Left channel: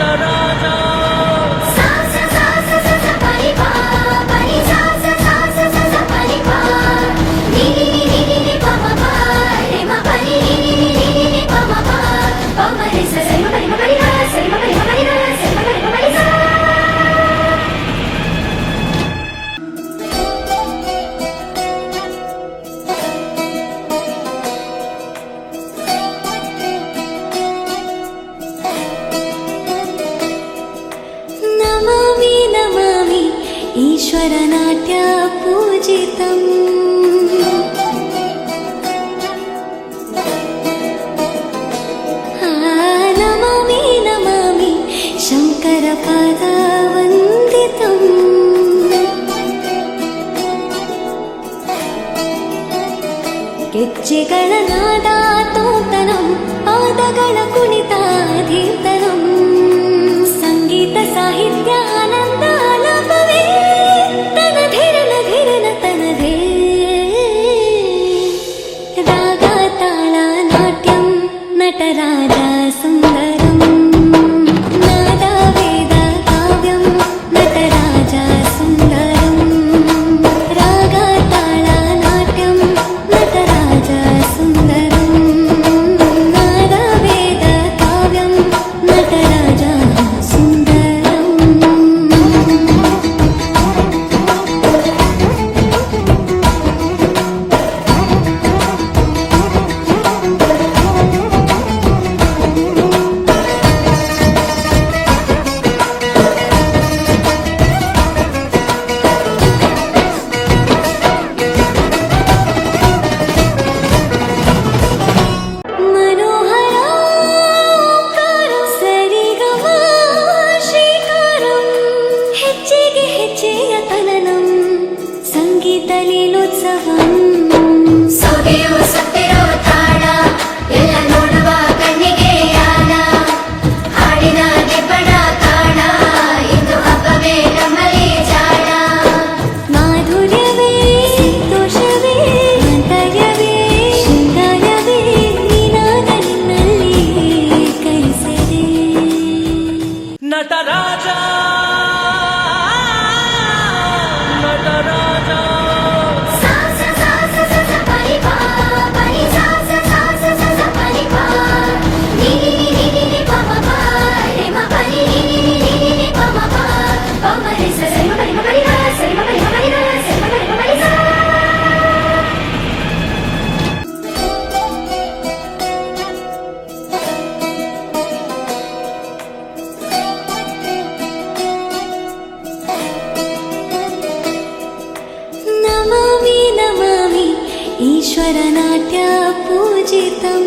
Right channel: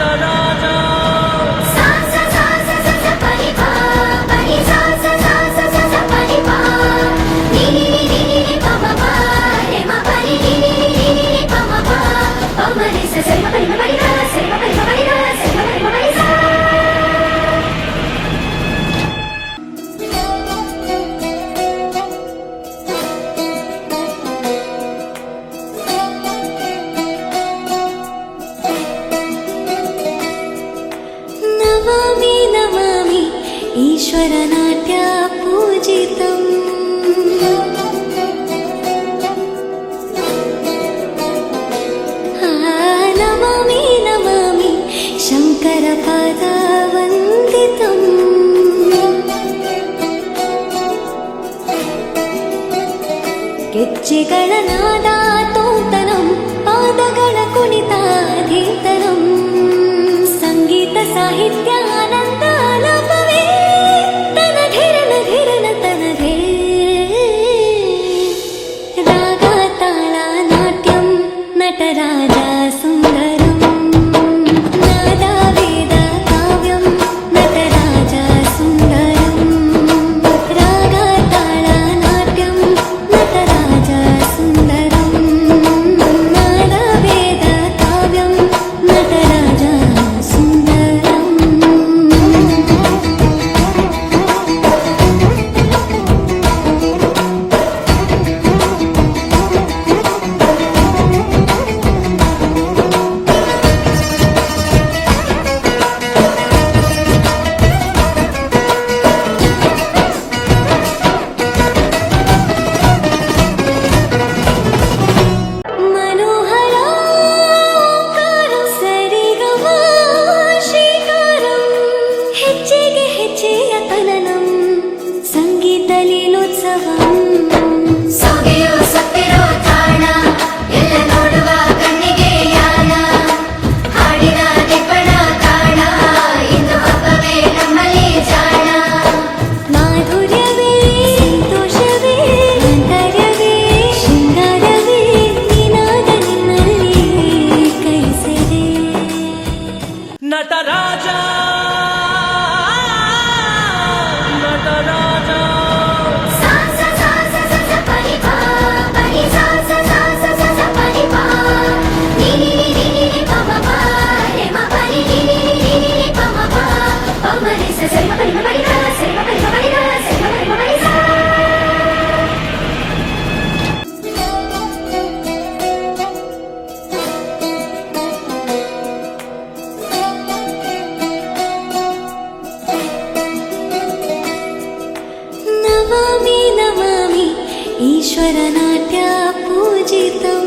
ನಟರಾಜ ನಮಾಮಿ ನಮಾಮಿ ಈಶ್ವರ ನಾಟ್ಯ ಪೂಜಿತಂ ನಮಾಮಿ ನಮಾಮಿ ಶಂಕರ ಪಾದ ವಂದಿತಂ ಗೆಜ್ಜೆಗಳ ನಾದ ತೋಂತನಂ ಪಾದಗಳ ಕುಣಿತಾಧೀರ್ತನಂ ಸಂಗೀತ ಸಾಹಿತ್ಯ ಆನಂದ ಲಾಭವೇ ತನಧೀರನ ಧೀರನ ತನಧೇ ರಾಗ ತಾಳ ನಾಟ್ಯಂ ನಟರಾಜ ಸುಂದರಂ ನಾದ ವೇದ ಕಾವ್ಯಂ ನಟರಾಜ ಸುಂದರಂ ರಾಗ ತಾಳ ನಾಟ್ಯಂ ನಟರಾಜ ಸುಂದರಂ ನಾದ ವೇದ ಕಾವ್ಯಂ ನಟರಾಜ ಸುಂದರಂ ಮನೋಹರ ಓಂಕಾರಂ ಸರಿಗಮ ಶ್ರೀಕಾರಂ ಹೆಜ್ಜೆಗೆ ಹೆಜ್ಜೆಯ ತನನಂ ಸಂಗೀತ ಲೀಲೋತ್ಸವಂ ಸೊಗೆಯೋ ಸತ್ತಿರೋ ತಾಣ ಎಲ್ಲ ನೋಡುವ ಕಣ್ಣಿಗೆ ಯಾನ ಹಾಡಿನ ನಿಬ್ಬಣ ಕಾಣ ಇಂದು ಹಬ್ಬವೇ ನಮ್ಮಲ್ಲಿ ಜಾಣ ಮಾಧುರ್ಯವೇ ಸಂತೋಷವೇ ಆಂತರ್ಯವೇ ಶೃಂಗಾರವೇ ನಿನಾದ ನಿನ್ನಲ್ಲಿ ಕೈಸೆರೆ ನಟರಾಜ ನಟರಾಜ ನಮಾಮಿ ನಮಾಮಿ ಈಶ್ವರ ನಾಟ್ಯ ಪೂಜಿತಂ